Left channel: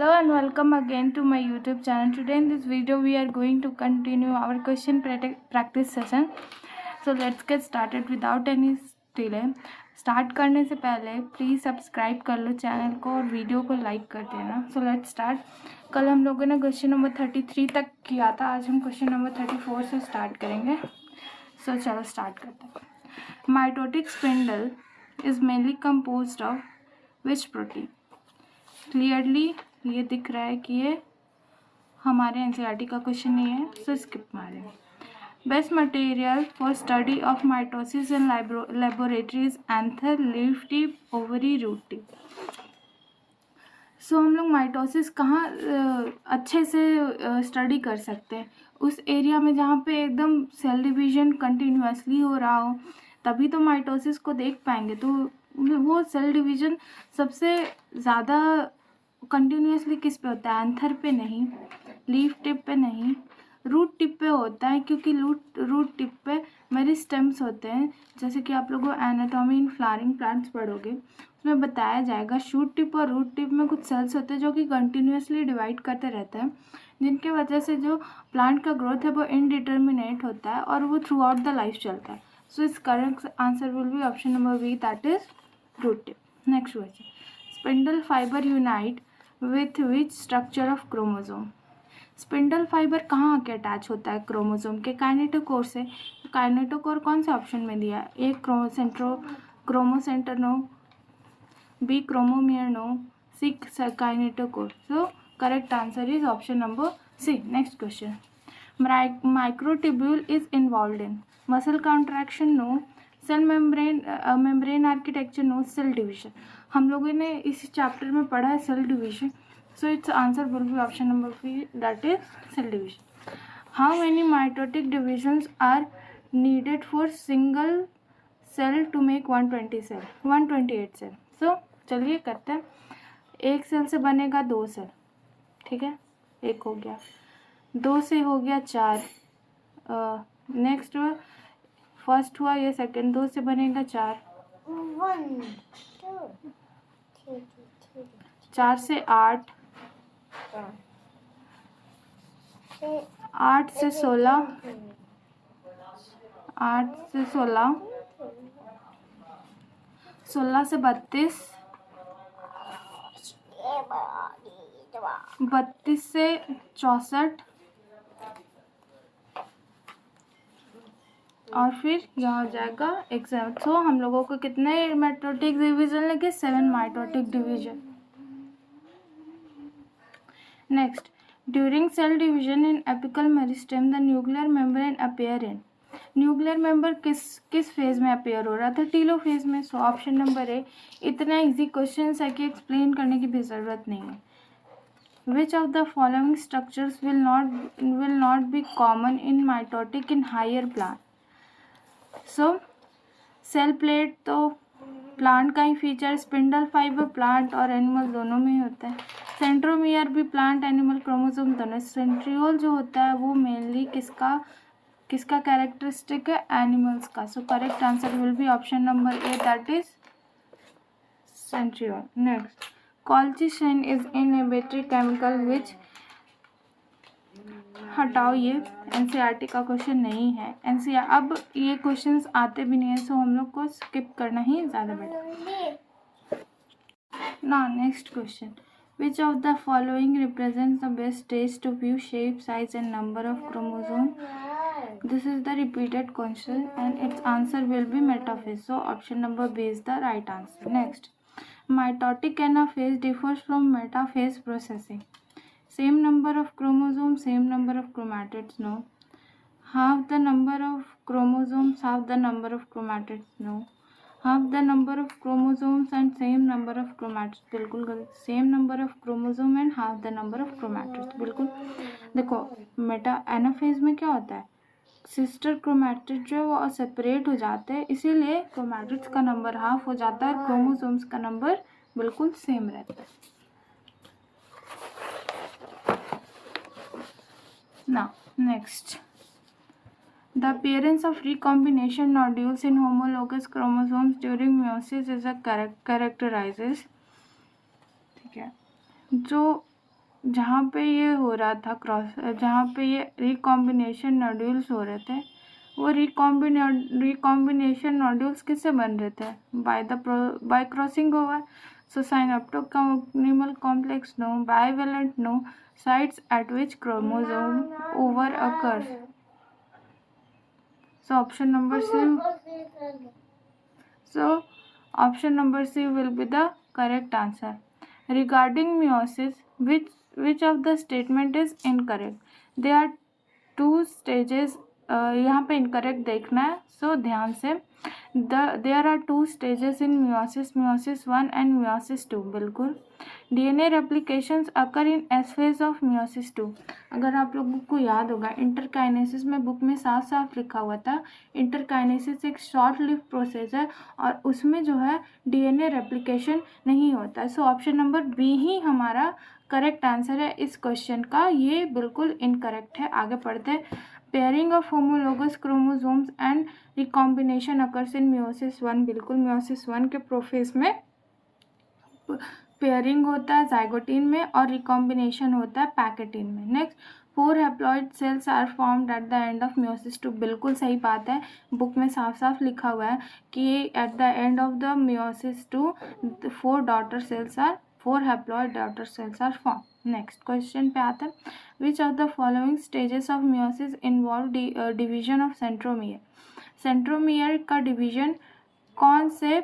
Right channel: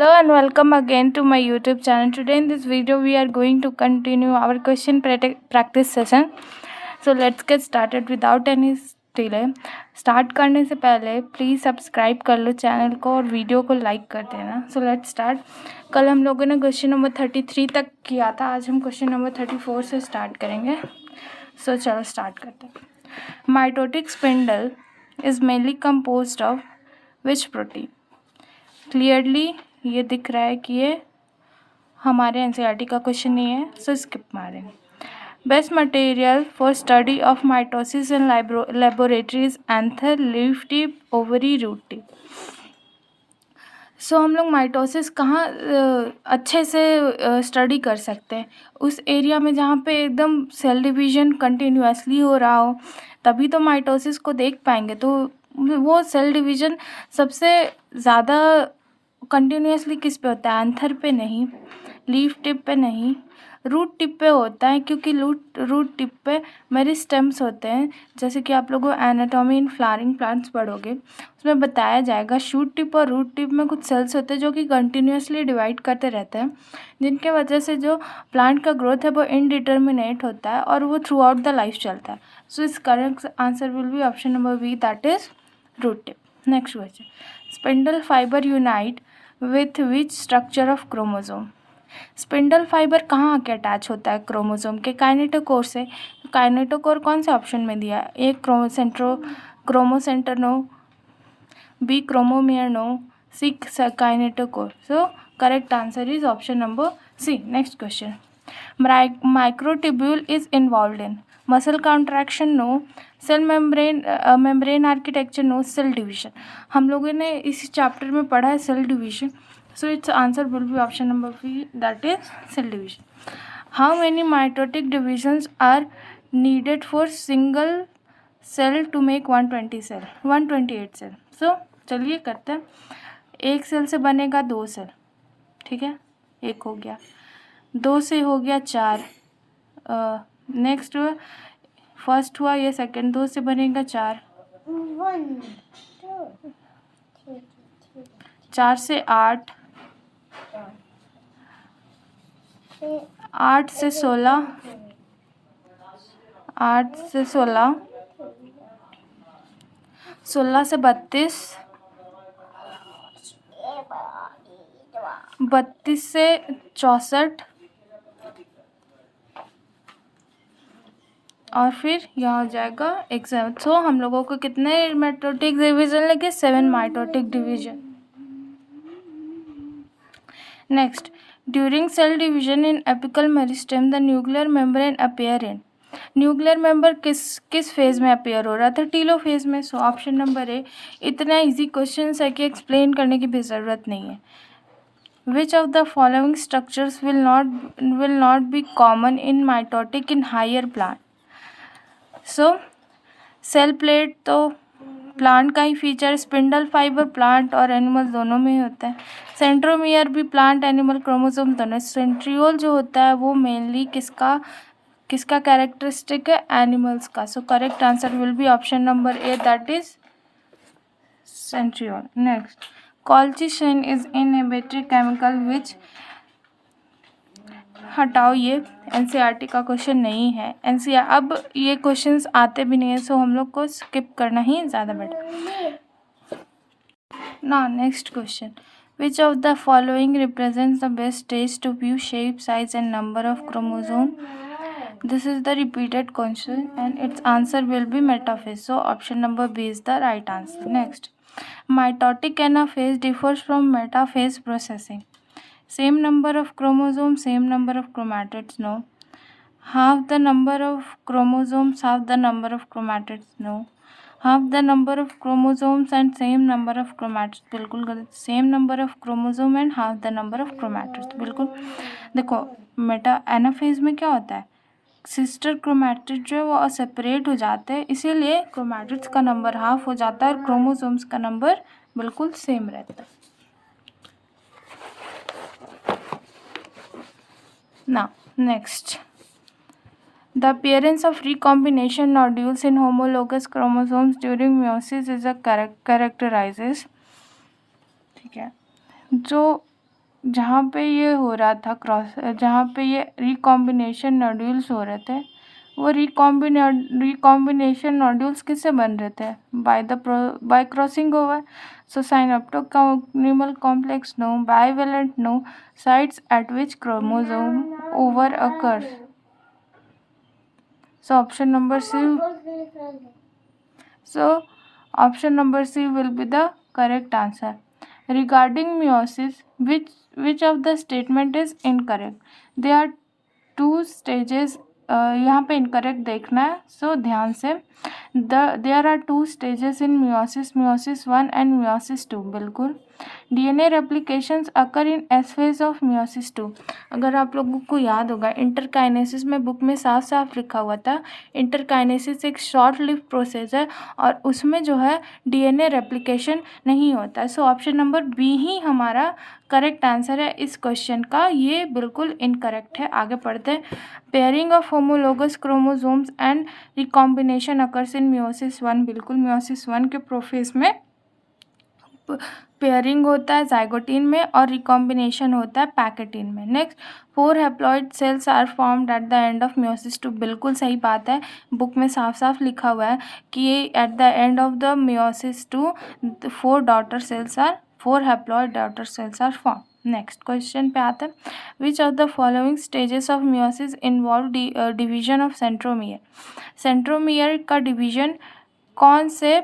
Hello and welcome again to my YouTube channel. Today in this video we are going to continue our question practice session. So let's get started without any delay. Start करने से पहले please subscribe कर लो channel को और video को like कर देना. So let's start. कल हम लोगों ने क्वेश्चन नंबर 33 तक किया था. आज हम क्वेश्चन नंबर 34 से स्टार्ट करेंगे. सो चलो स्टार्ट करते हैं. Mitotic spindle is mainly composed of which protein. Clearly ये दिख रहा है कि ये हमारे एनसीईआरटी का क्वेश्चन नहीं है, सो स्किप मारेंगे. Best material for study of mitosis in laboratories anther, leaf tip, ovary, root tip. So हम लोग माइटोसिस कहाँ अच्छे से स्टडी कर सकते हैं? उस एरिया में जहाँ पे एकदम सेल डिवीजन कंटिन्यूसली हो रहा हो, तभी तो माइटोसिस को देख पाएंगे. तो वो सेल डिवीजन सबसे ज़्यादा कंटिन्यूसली किस पे होता है? एंथर पे नहीं, लीफ टिप पे नहीं, रूट टिप पे होता है. क्योंकि रूट टिप पे मेरे स्टेम्स होते हैं. जैसे कि आप लोगों एनाटॉमी इन फ्लावरिंग प्लांट्स पढ़ोगे, उसमें बताया जाएगा शूट टिप और रूट टिप में कुछ सेल्स होते हैं जो कि कंटिन्यूसली डिवाइड करते रहते हैं, जिनके वजह से जो प्लांट का ग्रोथ है वो इनडिटर्मिनेट होता है और वो थ्रू आउट द लाइफ चलता है. So is correct answer will be option number B, that is root tip. Next question. Spindle fibre unite with which structure of chromosome. Spindle fibre कहाँ आके अटैच होता है क्रोमोजोम के? Kinetochore से. Kinetochore कौन से ऑप्शन में दिया है? A chromocentre no, B chromomere no, C kinetochore. So correct answer is option number C. Next question. Microtubule is involve in muscle contraction no, cell membrane architecture no, cell division. हम लोगों ने इस chapter में पढ़ा है cell division. So its answer will be option number B, that is cell division. How many mitotic divisions are needed for single cell to make 120 cell? 128 cell. So चलिए करते हैं. एक सेल से बनेगा 2 सेल, ठीक है, एक हो गया. 2 से हो गया 4. नेक्स्ट फर्स्ट हुआ, ये सेकंड. 2 से बनेगा 4. 4 से 8, 8 से 16, 8 से 16, 16 से 32, 32 से 64, और फिर यहाँ हो जाएगा एक 7. सो हम लोगों को कितने माइटोटिक डिवीजन लगे? 7 mitotic division. Next. During cell division in apical meristem the nuclear membrane appear in. Nuclear member किस फेज में अपीयर हो रहा था? टीलो फेज में. So option number A. इतना इजी क्वेश्चन है कि एक्सप्लेन करने की भी ज़रूरत नहीं है. Which of the following structures will not be common in mitotic in higher plant. So cell plate तो प्लांट का ही फीचर. स्पिंडल फाइबर प्लांट और एनिमल दोनों में ही होता है. सेंट्रोमियर भी प्लांट एनिमल क्रोमोसोम दोनों. सेंट्रियोल जो होता है वो मेनली किसका कैरेक्टरिस्टिक है? एनिमल्स का. सो correct answer will be option number A, that is centriole. Next. Colchicine is inhibitory chemical which. हटाओ, ये एनसीईआरटी का क्वेश्चन नहीं है. एनसीईआर अब ये क्वेश्चंस आते भी नहीं है, सो हम लोग को स्किप करना ही ज़्यादा बेटर. ना next question. Which of the following represents the best stage to view shape, size and number of chromosome. This is the repeated question and its answer will be metaphase. So option number B is the right answer. Next. Mitotic anaphase differs from metaphase processing. Same number of chromosomes, same number of chromatids, no. Half the number of chromosomes, half the number of chromatids, no. Half the number of chromosomes and same number of chromatids, बिल्कुल गलत. Same number of chromosome and half the number of chromatids, बिल्कुल. देखो Meta anaphase में क्या होता है? Sister chromatid जो है वो सेपरेट हो जाते हैं, इसीलिए क्रोमैटिड्स का नंबर हाफ हो जाता है और क्रोमोसोम्स का नंबर बिल्कुल सेम रहता है. Now, next. The appearance of recombination nodules in homologous chromosomes during meiosis is a characterizes. ठीक है, जो जहाँ पे ये हो रहा था जहाँ पे ये रिकॉम्बिनेशन नोड्यूल्स हो रहे थे, वो रिकॉम्बिनेशन नोड्यूल्स किससे बन रहे थे? Bye crossing over. So synaptochromosal complex no, bivalent no, sites at which chromosome over occurs. So option number C. So option number C will be the correct answer. Regarding meiosis, which of the statement is incorrect? There are two stages. यहाँ पे incorrect देखना है, so ध्यान से. There are two stages in meiosis, meiosis 1 and meiosis 2. बिल्कुल. DNA replications occur in S phase of meiosis 2. अगर आप लोगों को याद होगा, इंटरकाइनेसिस में बुक में साफ साफ लिखा हुआ था, इंटरकाइनेसिस एक शॉर्ट लिव प्रोसेस है और उसमें जो है डीएनए रेप्लिकेशन नहीं होता है. सो ऑप्शन नंबर बी ही हमारा करेक्ट आंसर है इस क्वेश्चन का. ये बिल्कुल इनकरेक्ट है. आगे पढ़ते हैं. Pairing of homologous chromosomes and recombination occurs in meiosis 1. बिल्कुल, मियोसिस 1 के प्रोफेज में पेयरिंग होता है जाइगोटीन में और रिकॉम्बिनेशन होता है पैकेटीन में. Next, 4 haploid cells are formed at the end of meiosis 2. बिल्कुल सही बात है. बुक में साफ साफ लिखा हुआ है कि at the end of the meiosis 2 4 haploid daughter cells are form. Next question पे आते हैं. Which of the following stages of meiosis involve division of centromere. Centromere का डिवीजन कौन से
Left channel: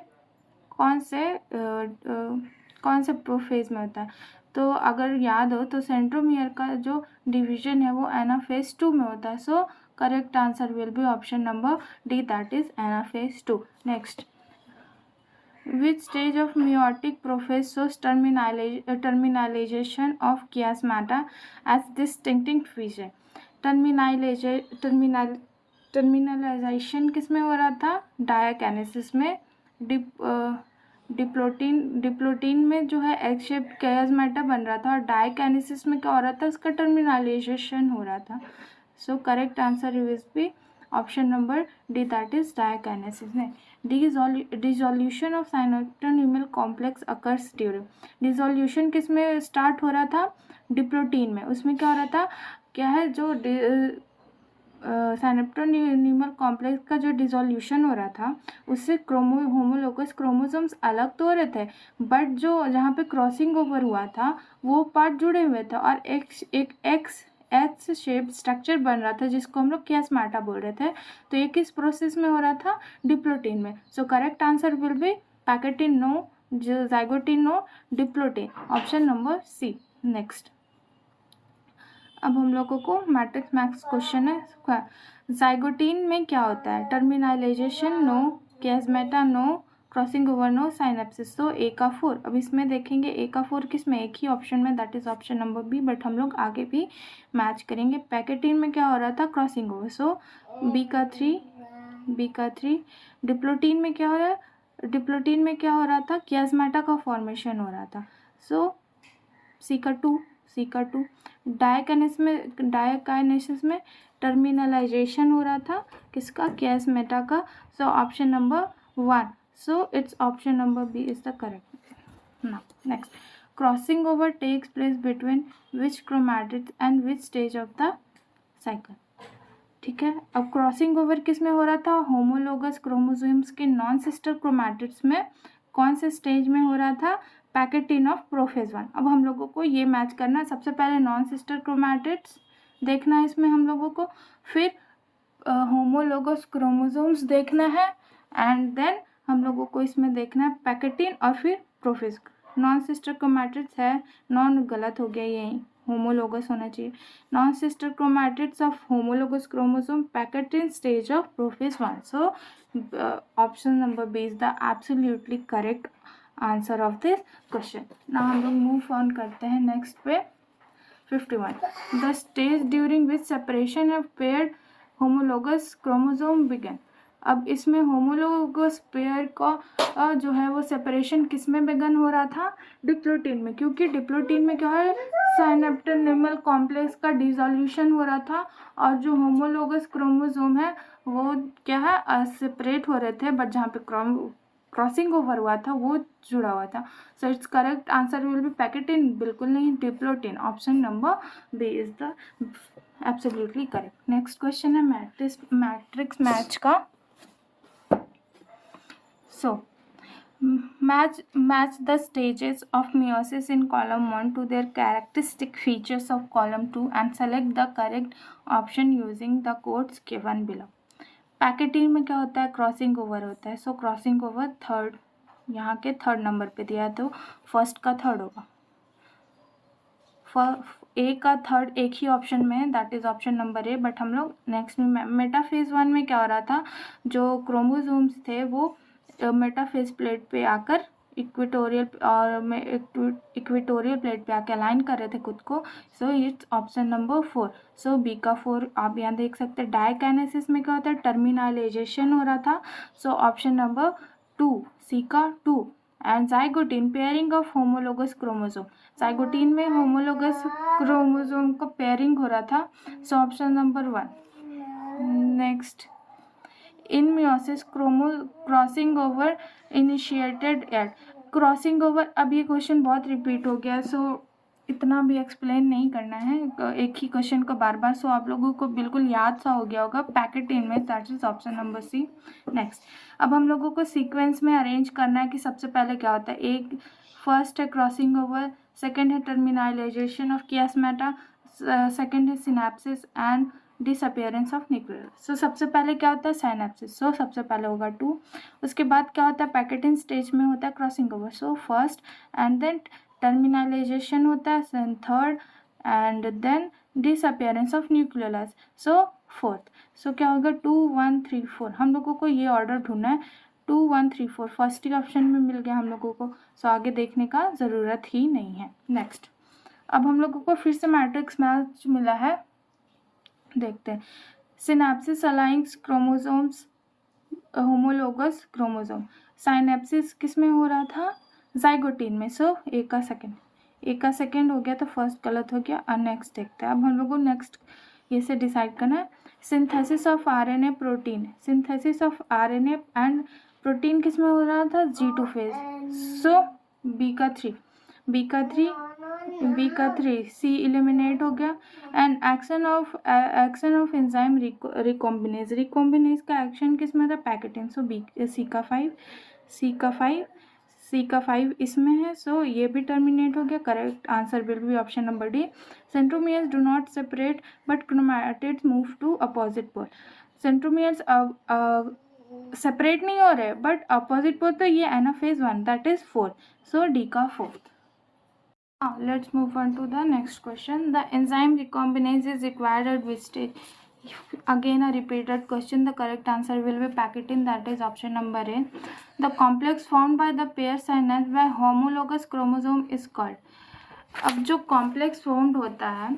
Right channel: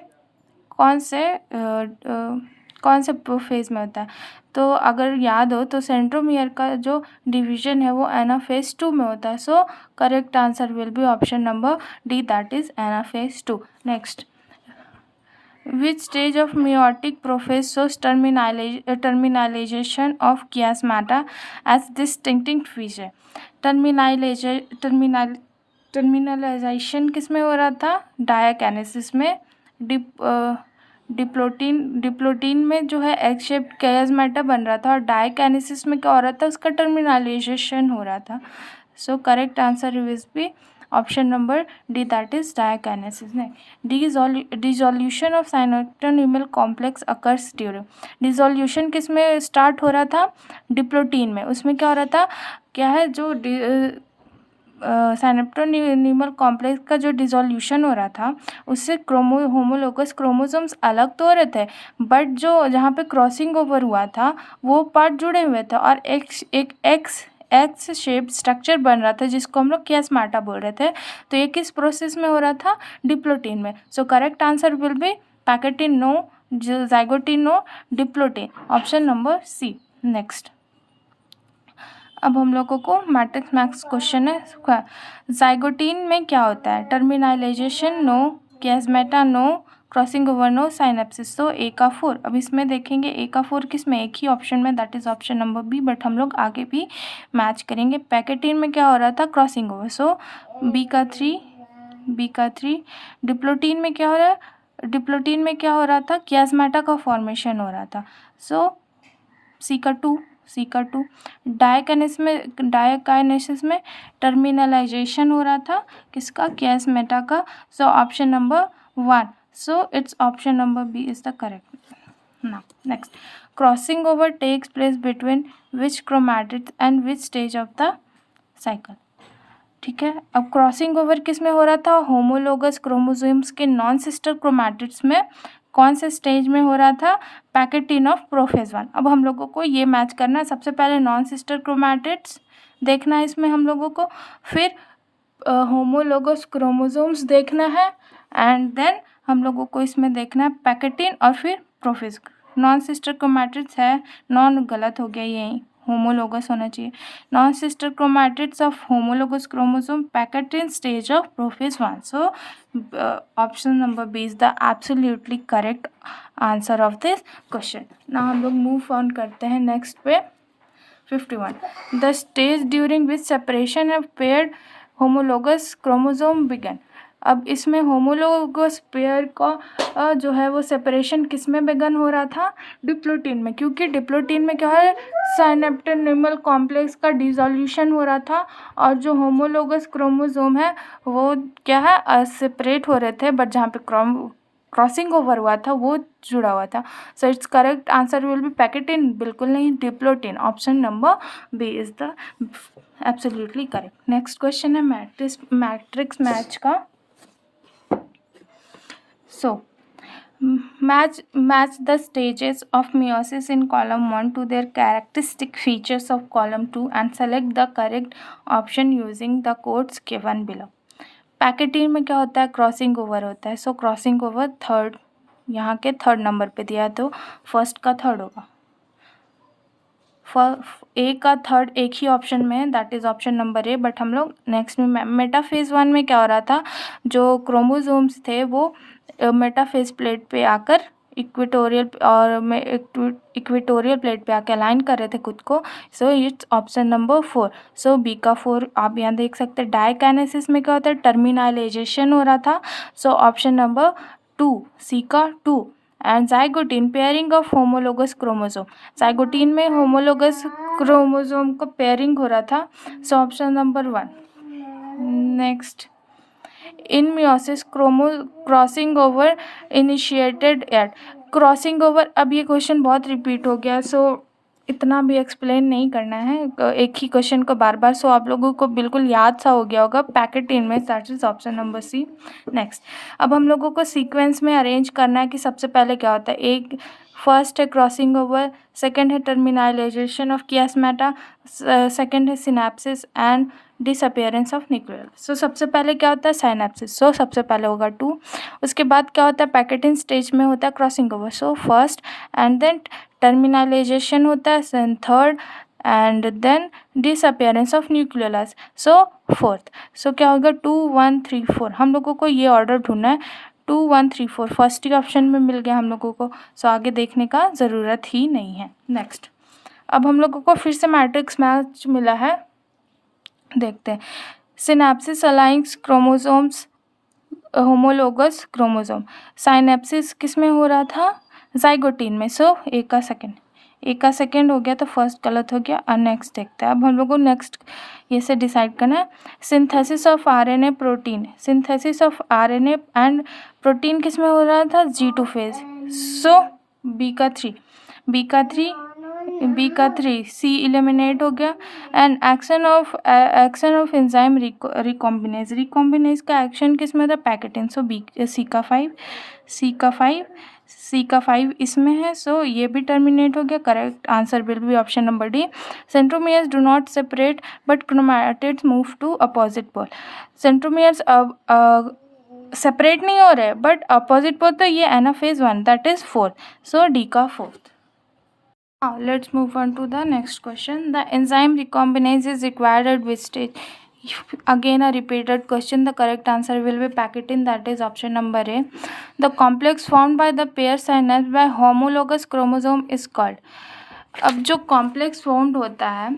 फेज में होता है? तो अगर याद हो तो सेंट्रोमियर का जो डिवीजन है वो एनाफेज 2 में होता है. सो correct answer will be option number D, that is anaphase 2. Next, which stage of meiotic process shows terminalization of chiasmata as distinct feature? Terminalisation किस में हो रहा था? डायाकिनेसिस में. डिप्लोटीन में जो है एग शेप chiasmata बन रहा था और डायाकिनेसिस में क्या हो रहा था? उसका टर्मिनलाइजेशन हो रहा था. So correct answer will be option number D, that is diakinesis. ने dissolution of synaptonemal complex occurs during. Dissolution किस में स्टार्ट हो रहा था? डिप्लोटीन में. उसमें क्या हो रहा था? क्या है जो साइनोप्टोन्यूमल कॉम्प्लेक्स का जो डिसोल्यूशन हो रहा था उससे होमोलोगस क्रोमोसोम्स अलग तो हो रहे थे, बट जो जहाँ पे क्रॉसिंग ओवर हुआ था वो पार्ट जुड़े हुए थे और एक एक्स शेप स्ट्रक्चर बन रहा था जिसको हम लोग chiasmata बोल रहे थे. तो ये किस प्रोसेस में हो रहा था? डिप्लोटीन में. So correct answer will be pachytene no, zygotene no, diplotene. Option number C. Next, अब हम लोगों को मैट्रिक्स मैक्स क्वेश्चन है. जाइगोटीन में क्या होता है? Terminalization no, chiasmata no, crossing over no, synapsis. तो ए का 4. अब इसमें देखेंगे ए का 4 किस में? एक ही ऑप्शन में, that is option number B. But हम लोग आगे भी मैच करेंगे. पैकेटीन में क्या हो रहा था? Crossing over. सो बी का 3. डिप्लोटीन में क्या हो रहा है? डिप्लोटीन में क्या हो रहा था? chiasmata का फॉर्मेशन हो रहा था. सो सी का 2. डायाकाइनेसिस में टर्मिनलाइजेशन हो रहा था किसका? chiasmata का. So option number 1. So it's option number B is the correct. Now next, crossing over takes place between which chromatids and which stage of the cycle. ठीक है. अब क्रॉसिंग ओवर किस में हो रहा था? होमोलोगस क्रोमोसोम्स के नॉन सिस्टर क्रोमैटिड्स में. कौन से स्टेज में हो रहा था? Pachytene of prophase 1. अब हम लोगों को ये मैच करना है. सबसे पहले नॉन सिस्टर क्रोमैटिड्स देखना है इसमें हम लोगों को, फिर होमोलोगस क्रोमोसोम्स देखना है एंड देन हम लोगों को इसमें देखना है पैकेटीन और फिर प्रोफेज. नॉन सिस्टर क्रोमैटिड्स है, नॉन गलत हो गया, ये होमोलोगस होना चाहिए. Non sister chromatids of homologous chromosome, pachytene stage of prophase 1. So option number B is the absolutely correct answer of this question. Now हम लोग मूव ऑन करते हैं नेक्स्ट पे. 51. The stage during which separation of paired homologous chromosome begin. अब इसमें homologous pair का जो है वो सेपरेशन किस में बिगन हो रहा था? डिप्लोटीन में. क्योंकि डिप्लोटीन में क्या है? साइनोप्टोन्यूमल कॉम्प्लेक्स का डिसोल्यूशन हो रहा था और जो होमोलोगस क्रोमोसोम है वो क्या है? सेपरेट हो रहे थे. बट जहाँ पे क्रॉसिंग ओवर हुआ था वो जुड़ा हुआ था। So it's correct answer will be pachytene, बिल्कुल नहीं, diplotene. Option number B is the absolutely correct. Next question है मैट्रिक्स मैच का। So match the stages of meiosis in column 1 to their characteristic features of column 2 and select the correct option using the codes given below। Pachytene में क्या होता है, crossing over होता है। सो crossing over third, यहाँ के third number पे दिया है तो फर्स्ट का थर्ड होगा। ए का थर्ड एक ही ऑप्शन में है, that is option number A. But हम लोग नेक्स्ट में मेटाफेज 1 में क्या हो रहा था, जो क्रोमोसोम्स थे वो मेटाफेज प्लेट पे आकर इक्वेटोरियल प्लेट पे आके अलाइन कर रहे थे खुद को। So it's option number 4। So B का 4 आप यहाँ देख सकते हैं। डायकाइनेसिस में क्या होता है, टर्मिनालाइजेशन हो रहा था। सो ऑप्शन नंबर 2, सी का 2। And zygotene pairing of homologous chromosome, zygotene में होमोलोगस क्रोमोसोम को पेयरिंग हो रहा था। So option number 1। Next, in meiosis crossing over initiated at, crossing over, अब ये क्वेश्चन बहुत रिपीट हो गया, सो इतना भी एक्सप्लेन नहीं करना है एक ही क्वेश्चन को बार बार। सो आप लोगों को बिल्कुल याद सा हो गया होगा, पैकेटीन में, that is option number C. Next, अब हम लोगों को सीक्वेंस में अरेंज करना है कि सबसे पहले क्या होता है। एक फर्स्ट है क्रॉसिंग ओवर, सेकेंड है टर्मिनालाइजेशन ऑफ कियास्मेटा, सेकेंड है synapsis and disappearance of nuclear. So सबसे पहले क्या होता है, साइनेप्सिस। सो सबसे पहले होगा 2। उसके बाद क्या होता है, पैकेटिन स्टेज में होता है crossing over. So first, and then terminalization होता है, then third, and then disappearance of nucleolus. So fourth. So क्या होगा, 2 1 3 4। हम लोगों को ये ऑर्डर ढूंढना है, 2 1 3 4 फर्स्ट ही ऑप्शन में मिल गया हम लोगों को। सो आगे देखने का ज़रूरत ही नहीं है। नेक्स्ट, अब हम लोगों को फिर से मैट्रिक्स मैच मिला है, देखते हैं। Synapsis aligns chromosomes homologous chromosome, synapsis किस में हो रहा था, जाइगोटीन में। सो ए का सेकेंड हो गया तो फर्स्ट गलत हो गया। और नेक्स्ट देखते हैं, अब हम लोग को नेक्स्ट ये से डिसाइड करना है। Synthesis of RNA protein, synthesis of RNA and protein किस में हो रहा था, G2 फेज। सो बी का 3 सी एलिमिनेट हो गया। And action of enzyme recombinase का एक्शन किस में था, पैकेटिन। सो बी सी का 5 इसमें है। सो ये भी टर्मिनेट हो गया। Correct answer will be option number D. Centromeres do not separate but chromatids move to opposite pole, centromeres separate नहीं हो रहे बट अपोजिट पोल, तो ये anaphase 1 that is 4। So D का 4th। Now let's move on to the next question. The enzyme recombinase is required at which stage? Again a repeated question. The correct answer will be pachytene, that is option number A. The complex formed by the pair synapse by homologous chromosome is called. अब जो complex formed होता है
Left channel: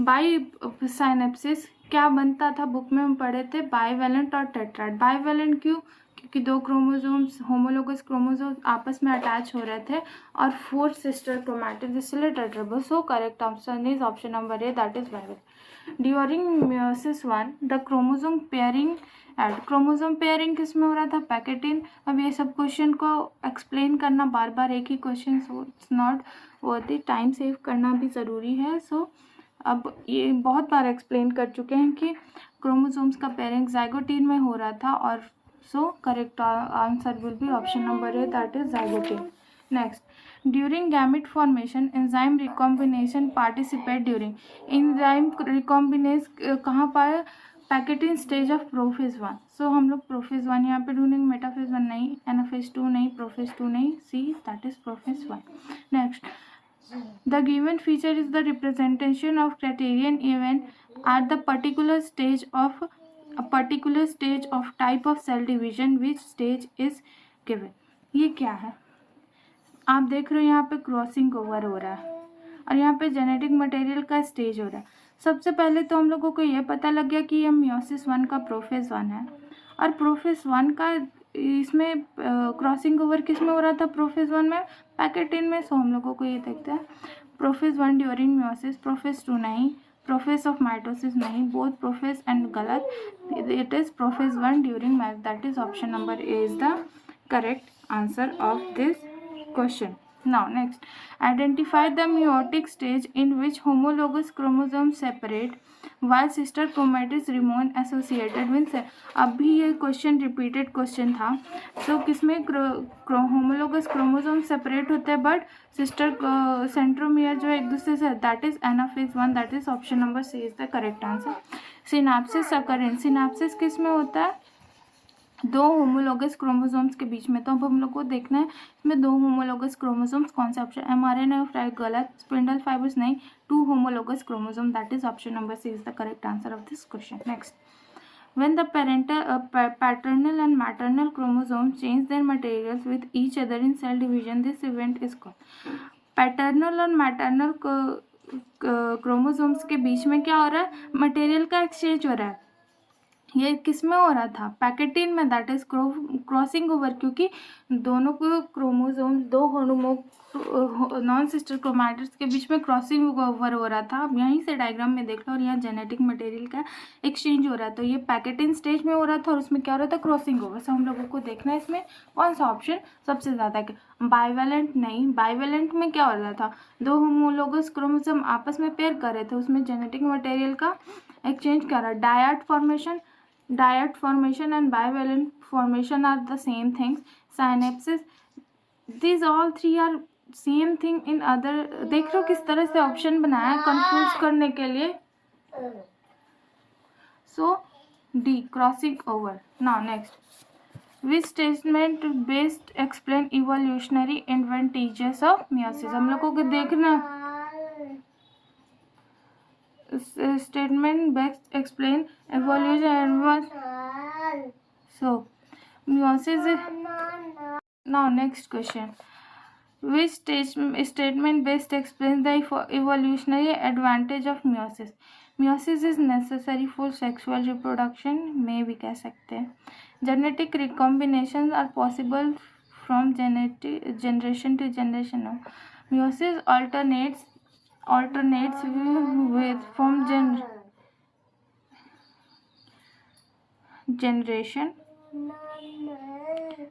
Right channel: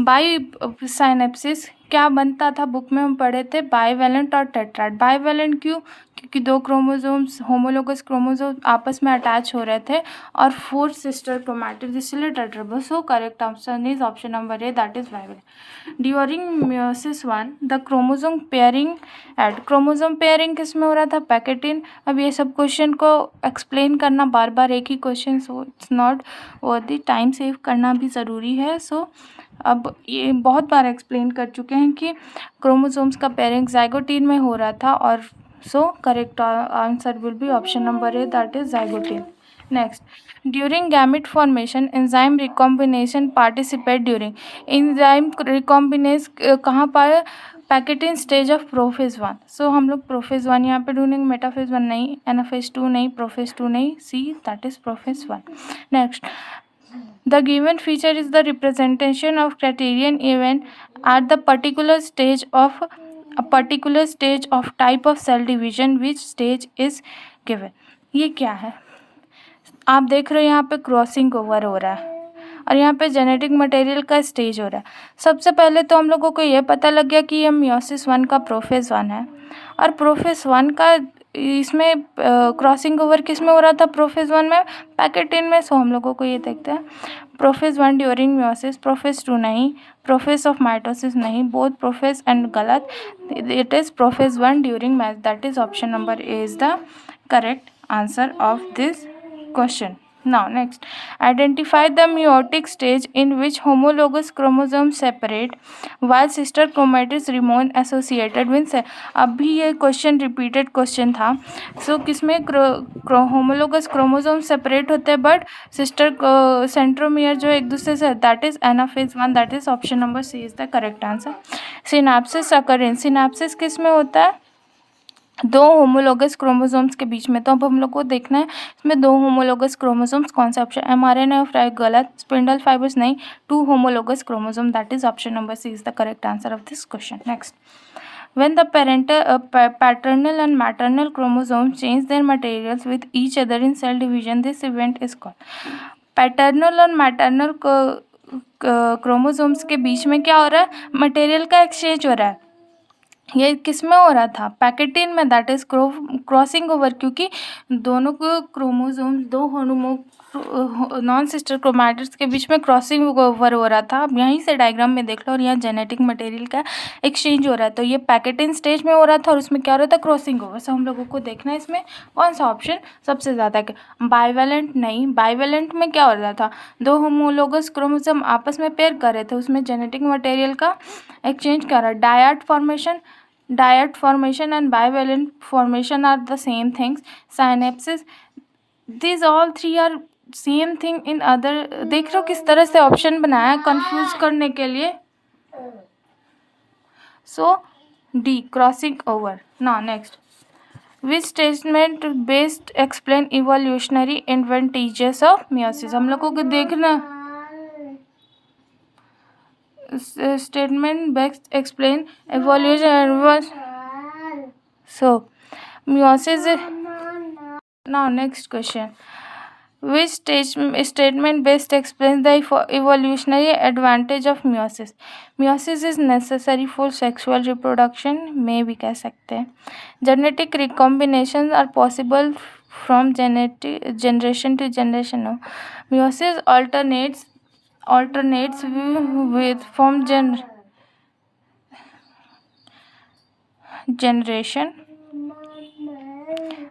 by synapsis, क्या बनता था, book में हम पढ़े थे बाईवेलेंट और टेट्राड। बाईवेलेंट क्यों, क्योंकि 2 क्रोमोसोम्स होमोलोगस क्रोमोसोम आपस में अटैच हो रहे थे और 4 सिस्टर क्रोमैटिड्स, इसलिए tetrad. So correct answer is option number A, that is bivalent. During meiosis 1 the chromosome pairing at, chromosome pairing किस में हो रहा था, पैकेटिन। अब ये सब क्वेश्चन को एक्सप्लेन करना बार बार एक ही question, so it's not worth it, time save करना भी ज़रूरी है। सो अब ये बहुत बार एक्सप्लेन कर चुके हैं कि क्रोमोसोम्स का पेयरिंग जाइगोटीन में हो रहा था। और सो correct answer will be option number A, that is zygotene. Next, during gamete formation enzyme recombination participate during, enzyme recombinase कहाँ पर, पैकेटिन स्टेज ऑफ प्रोफेज 1। सो हम लोग प्रोफेज 1 यहाँ पे ढूंढेंगे, मेटाफेज 1 नहीं, एनाफेज 2 नहीं, प्रोफेज 2 नहीं, see that is prophase 1। Next, the given feature is the representation of criterion event at the particular stage of type of cell division, which stage is given। ये क्या है, आप देख रहे हो यहाँ पे क्रॉसिंग ओवर हो रहा है और यहाँ पे जेनेटिक मटेरियल का स्टेज हो रहा है। सबसे पहले तो हम लोगों को ये पता लग गया कि ये मियोसिस 1 का प्रोफेज 1 है और प्रोफेज 1 का इसमें क्रॉसिंग ओवर किस में हो रहा था, प्रोफेज 1 में, पैकेटिन में। सो हम लोगों को ये देखते हैं, प्रोफेज 1 ड्यूरिंग मियोसिस, प्रोफेज 2 नहीं, प्रोफेज ऑफ माइटोसिस नहीं, बोथ प्रोफेज एंड गलत, it is prophase 1 during match, that is option number A is the correct answer of this question. Now next, identify the meiotic stage in which homologous chromosomes separate while sister chromatids remain associated with अभी ये question repeated question था. सो किसमें homologous chromosome separate होते हैं but sister centromere जो एक दूसरे से, that is anaphase 1, that is option number C is the correct answer. Synapsis occurrence, synapsis किस में होता है? दो होमोलोगस क्रोमोसोम्स के बीच में. तो अब हम लोग को देखना है इसमें दो होमोलोगस क्रोमोसोम्स कौन सा ऑप्शन, एमआरएनए ऑफ गलत, स्पिंडल फाइबर्स नहीं, two homologous chromosome, that is option number C is the correct answer of this question. Next, when the paternal and maternal chromosomes change their materials with each other in cell division, this event is called. Paternal और maternal chromosomes के बीच में क्या हो रहा है? Material का exchange हो रहा है. ये किस में हो रहा था? पैकेटिन में, दैट इज क्रॉसिंग ओवर, क्योंकि दोनों को क्रोमोसोम दो नॉन सिस्टर क्रोमैटिड्स के बीच में क्रॉसिंग ओवर हो रहा था. अब यहीं से डायग्राम में देख लो, और यहाँ जेनेटिक मटेरियल का एक्सचेंज हो रहा है. तो ये पैकेटिन स्टेज में हो रहा था और उसमें क्या हो रहा था? Crossing over. सो हम लोगों को देखना है इसमें कौन सा ऑप्शन सबसे ज़्यादा. बाइवेलेंट नहीं, बाइवेलेंट में क्या हो रहा था? दो होमोलोगस क्रोमोसोम आपस में पेयर कर रहे थे, उसमें जेनेटिक मटेरियल का एक्सचेंज कर रहा है. Dyad formation and bivalent formation are the same things. Synapses, these all three are same thing in other. देख लो किस तरह से ऑप्शन बनाया कंफ्यूज करने के लिए. So D, crossing over. Now next, which statement based explain evolutionary advantages of meiosis? हम लोगों को देखना statement best explain evolution. So meiosis. Now next question, which statement best explains the evolutionary advantage of meiosis? meiosis is necessary for sexual reproduction, में भी कह सकते हैं. genetic recombinations are possible from generation to generation. meiosis alternates with from generation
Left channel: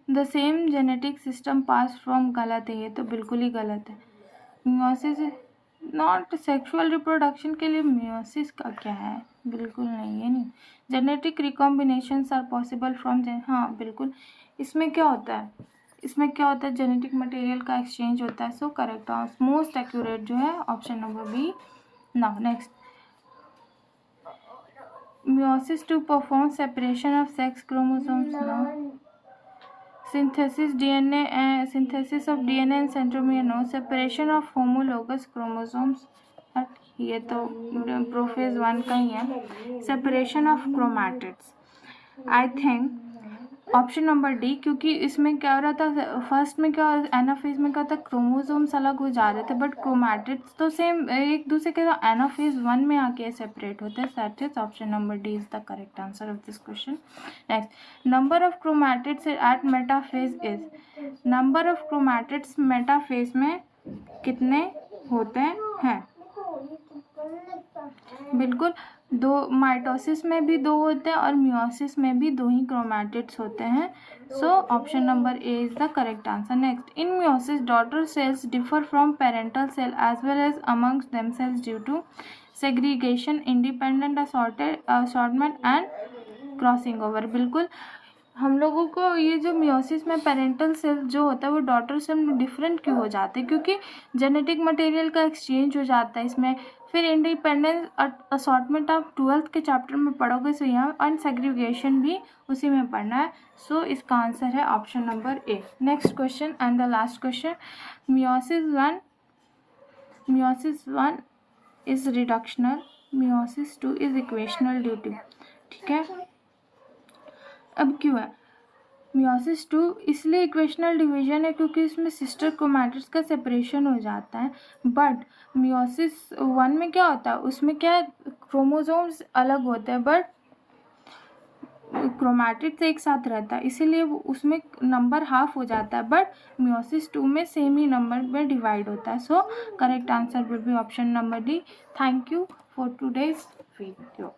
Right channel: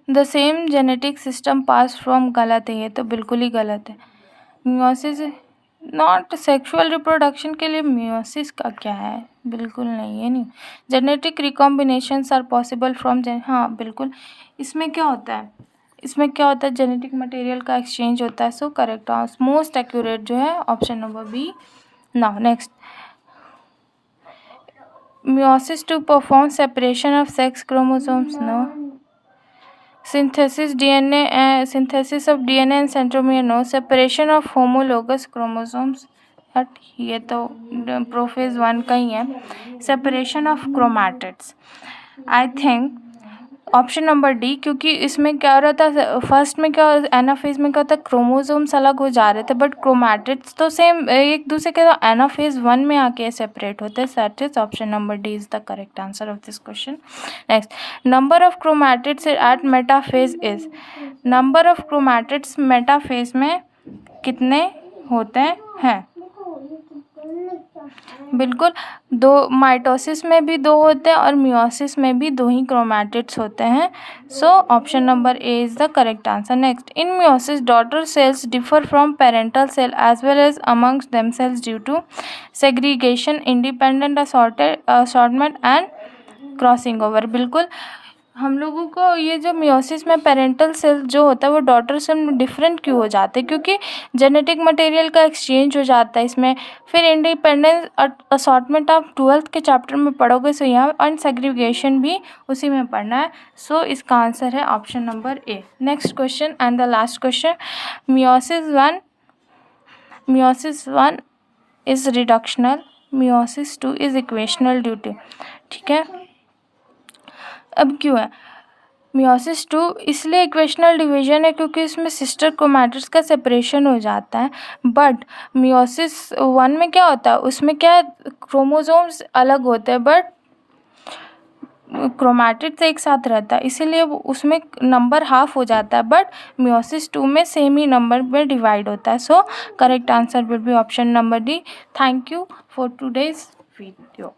the same genetic system passed from. गलत है, ये तो बिल्कुल ही गलत है. meiosis नॉट सेक्सुअल रिप्रोडक्शन के लिए meiosis का क्या है? बिल्कुल नहीं है. नहीं, जेनेटिक रिकॉम्बिनेशंस आर पॉसिबल फ्रॉम हाँ बिल्कुल. इसमें क्या होता है? जेनेटिक मटेरियल का एक्सचेंज होता है. सो करेक्ट मोस्ट एक्यूरेट जो है option number B. Now next, meiosis to perform separation of sex chromosomes. No. synthesis of DNA and centromere. No. separation of homologous chromosomes. ये तो प्रोफेज 1 का ही है. separation of chromatids, I think option number D, क्योंकि इसमें क्या हो रहा था? फर्स्ट में क्या, एनाफेज में क्या होता है? क्रोमोसोम्स अलग हो जा रहे थे, बट क्रोमैटिड्स तो सेम एक दूसरे के एनाफेज 1 में आके सेपरेट होते हैं. That is option number D is the correct answer of this question. Next, number of chromatids at metaphase is. Number of chromatids metaphase में कितने होते हैं? बिल्कुल, दो. माइटोसिस में भी दो होते हैं और मियोसिस में भी दो ही क्रोमैटिड्स होते हैं. So option number A is the correct answer. Next, in meiosis daughter cells differ from parental cell as well as amongst themselves due to segregation, independent assortment and crossing over. बिल्कुल, हम लोगों को ये जो meiosis में parental cell जो होता है वो डॉटर सेल में डिफरेंट क्यों हो जाते हैं? क्योंकि जेनेटिक मटेरियल का एक्सचेंज हो जाता है इसमें. फिर इंडिपेंडेंस असॉर्टमेंट आप 12th के चैप्टर में पढ़ोगे. सो यहाँ और सेग्रीगेशन भी उसी में पढ़ना है. सो इसका आंसर है option number A. Next question and the last question, meiosis 1 is reductional, meiosis 2 is equational due to. ठीक है, अब क्यों है मियोसिस 2? इसलिए इक्वेशनल डिवीजन है क्योंकि इसमें सिस्टर क्रोमैटिड्स का सेपरेशन हो जाता है. बट मियोसिस 1 में क्या होता है? उसमें क्या क्रोमोसोम्स अलग होते हैं बट क्रोमैटिड्स एक साथ रहता है, इसीलिए उसमें नंबर हाफ हो जाता है. बट मियोसिस 2 में सेम ही नंबर में डिवाइड होता है. सो correct answer will be option number D. Thank you for today's video.